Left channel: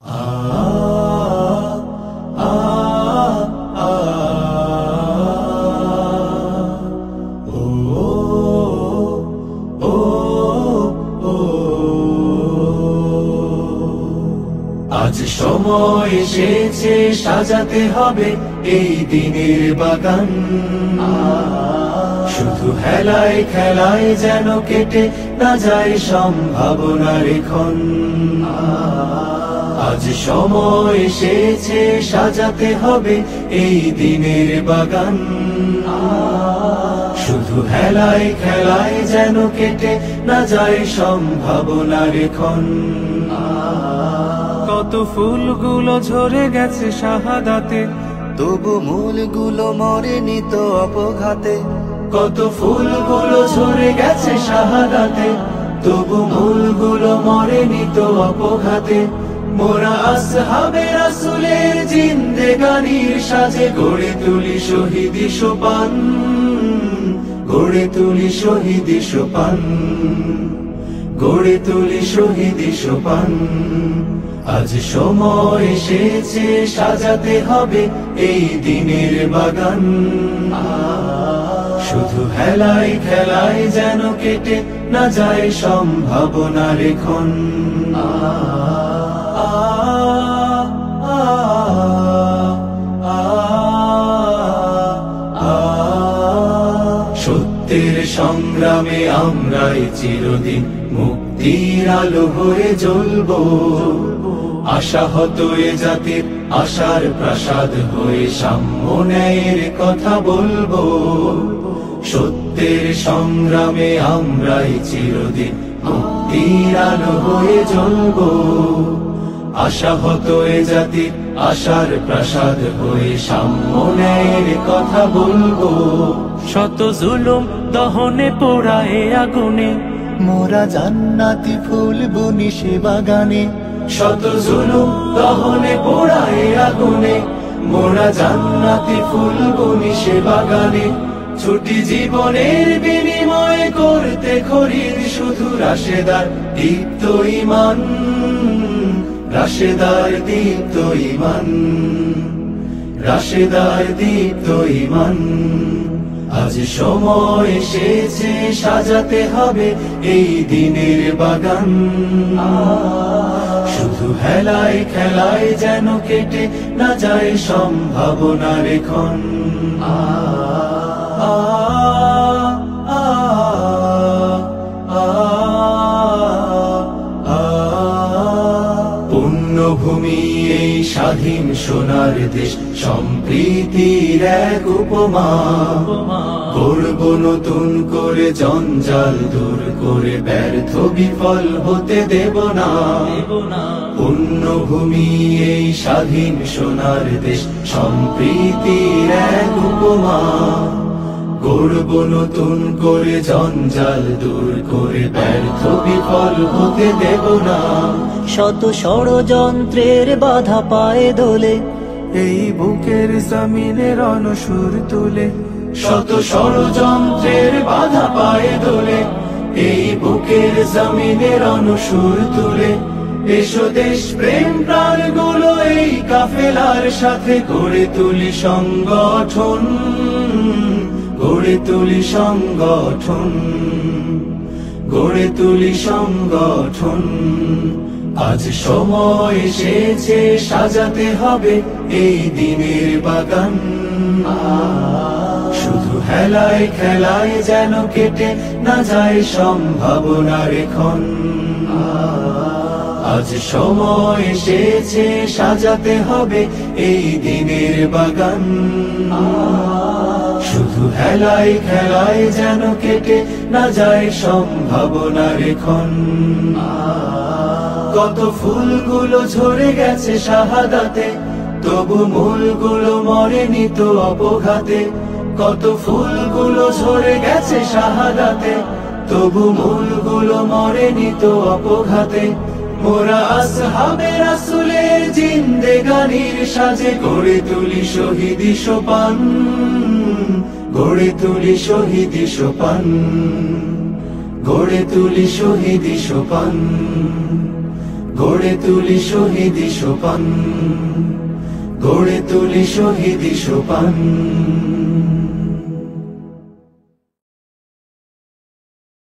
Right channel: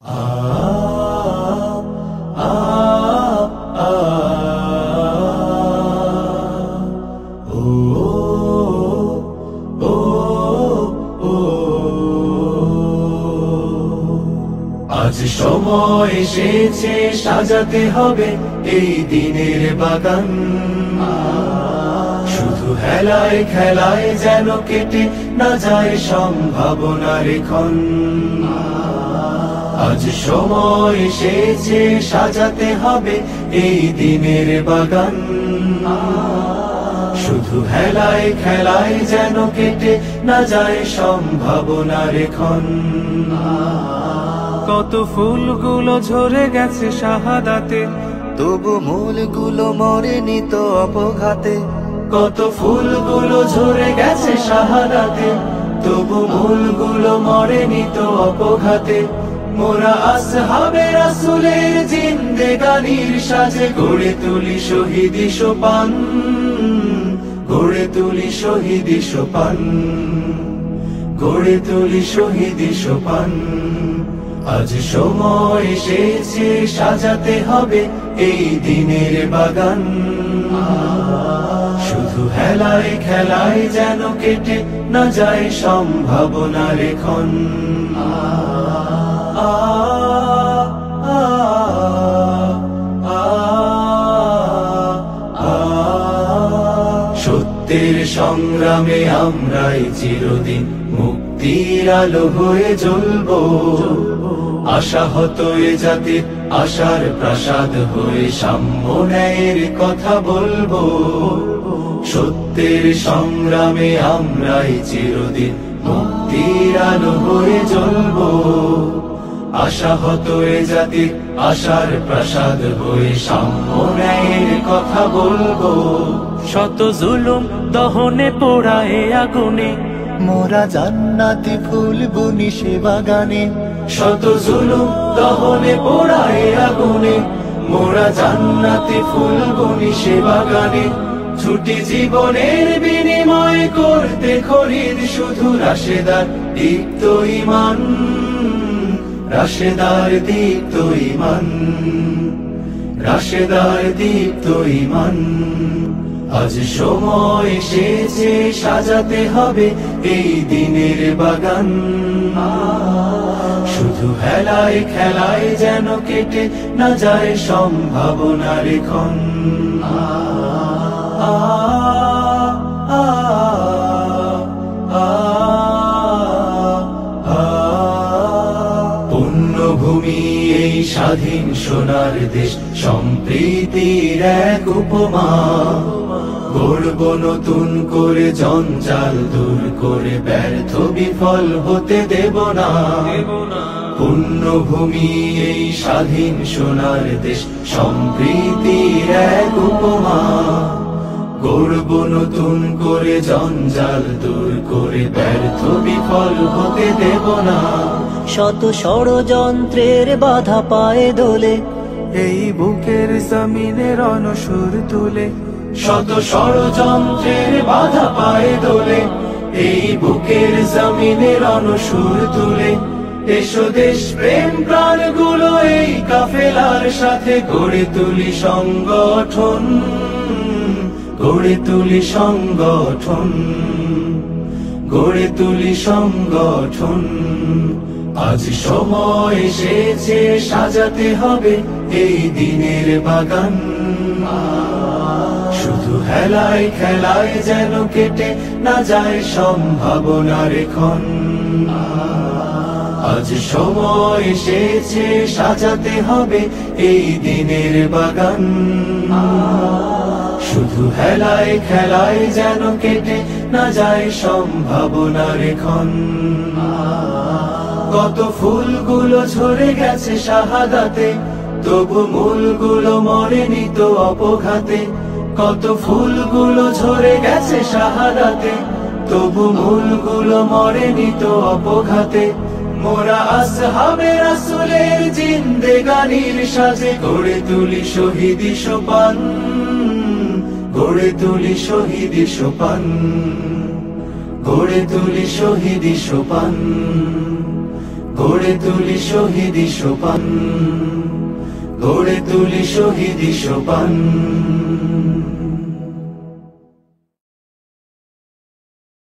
আজ সময় এসেছে সাজাতে হবে এই দিনের বাগান, শুধু হেলায় খেলায় যেন কেটে না যায় সম্ভাবনার ক্ষণ। আজ সময় এসেছে সাজাতে হবে এই দিনের বাগান, শুধু হেলায় খেলায় যেন কেটে না যায় সম্ভাবনার ক্ষণ। কত ফুলগুলো ঝরে গেছে শাহাদাতে, তবু মূলগুলো মরেনি তো অপঘাতে। কত ফুলগুলো ঝরে গেছে শাহাদাতে, তবু মূলগুলো মরেনি তো অপঘাতে। মোরা আসহাবে রাসূলের জিন্দেগানির সাজে গড়ে তুলি শহীদি সোপান, গড়ে তুলি শহীদি সোপান, গড়ে তুলি শহীদি সোপান। আজ সময় এসেছে সাজাতে হবে এই দিনের বাগান, শুধু হেলায় খেলায় যেন কেটে না যায় সম্ভাবনার ক্ষণ। সত্যের সংগ্রামে আমরাই চিরদিন মুক্তির আলো হয়ে জ্বলবো, আশাহত এ জাতির আশার প্রাসাদ হয়ে সাম্য ন্যায়ের কথা বলবো। সত্যের সংগ্রামে আমরাই চিরদিন মুক্তির আলো হয়ে জ্বলবো, আশাহত এ জাতির আশার প্রাসাদ হয়ে সাম্য ন্যায়ের কথা বলবো। শত জুলুম দহনে পোড়া এ আগুনে, মোরা জান্নাতি ফুল বুনি সে বাগানে। শত জুলুম দহনে পোড়া এ আগুনে, মোরা জান্নাতি ফুল বুনি সে বাগানে। ছুটি জীবনের বিনিময় করতে খরিদ শুধু রাশেদার দীপ্ত ঈমান, রাশেদার দীপ্ত ঈমান, রাশেদার দীপ্ত ঈমান। আজ সময় এসেছে সাজাতে হবে এই দিনের বাগান, শুধু হেলায় খেলায় যেন কেটে না যায় সম্ভাবনার ক্ষণ। পুণ্যভূমি এই স্বাধীন সোনার দেশ, সম্প্রীতির এক উপমা। গড়ব নতুন করে জঞ্জাল দূর করে, ব্যর্থ বিফল হতে দেব না। পুণ্যভূমি এই স্বাধীন সোনার দেশ, সম্প্রীতির এক উপমা। গড়ব নতুন করে জঞ্জাল দূর করে, ব্যর্থ বিফল হতে দেব না। শত ষড়যন্ত্রের বাধা পায়ে দোলে, এই বুকের জমিনে রণসুর তুলে। শত ষড়যন্ত্রের বাধা পায়ে দোলে, এই বুকের জমিনে রণসুর তুলে। এসো দেশ প্রেম প্রাণগুলো এই কাফেলার সাথে গড়ে তুলি সংগঠন, গড়ে তুলি সংগঠন, গড়ে তুলি সংগঠন। আজ সময় এসেছে সাজাতে হবে এই দিনের বাগান, শুধু হেলায় খেলায় যেন কেটে না যায় সম্ভাবনার ক্ষণ। আজ সময় এসেছে সাজাতে হবে এই দিনের বাগান, শুধু হেলায় খেলায় যেন কেটে না যায় সম্ভাবনার ক্ষণ। কত ফুলগুলো ঝরে গেছে শাহাদাতে, তবু মূলগুলো মরেনি তো অপঘাতে। কত ফুলগুলো ঝরে গেছে শাহাদাতে, তবু মূলগুলো মরেনি তো অপঘাতে। মোরা আসহাবে রাসূলের জিন্দেগানির সাজে গড়ে তুলি শহীদি সোপান, গড়ে তুলি শহীদি সোপান, গড়ে তুলি শহীদি সোপান, গড়ে তুলি শহীদি সোপান, গড়ে তুলি শহীদি সোপান।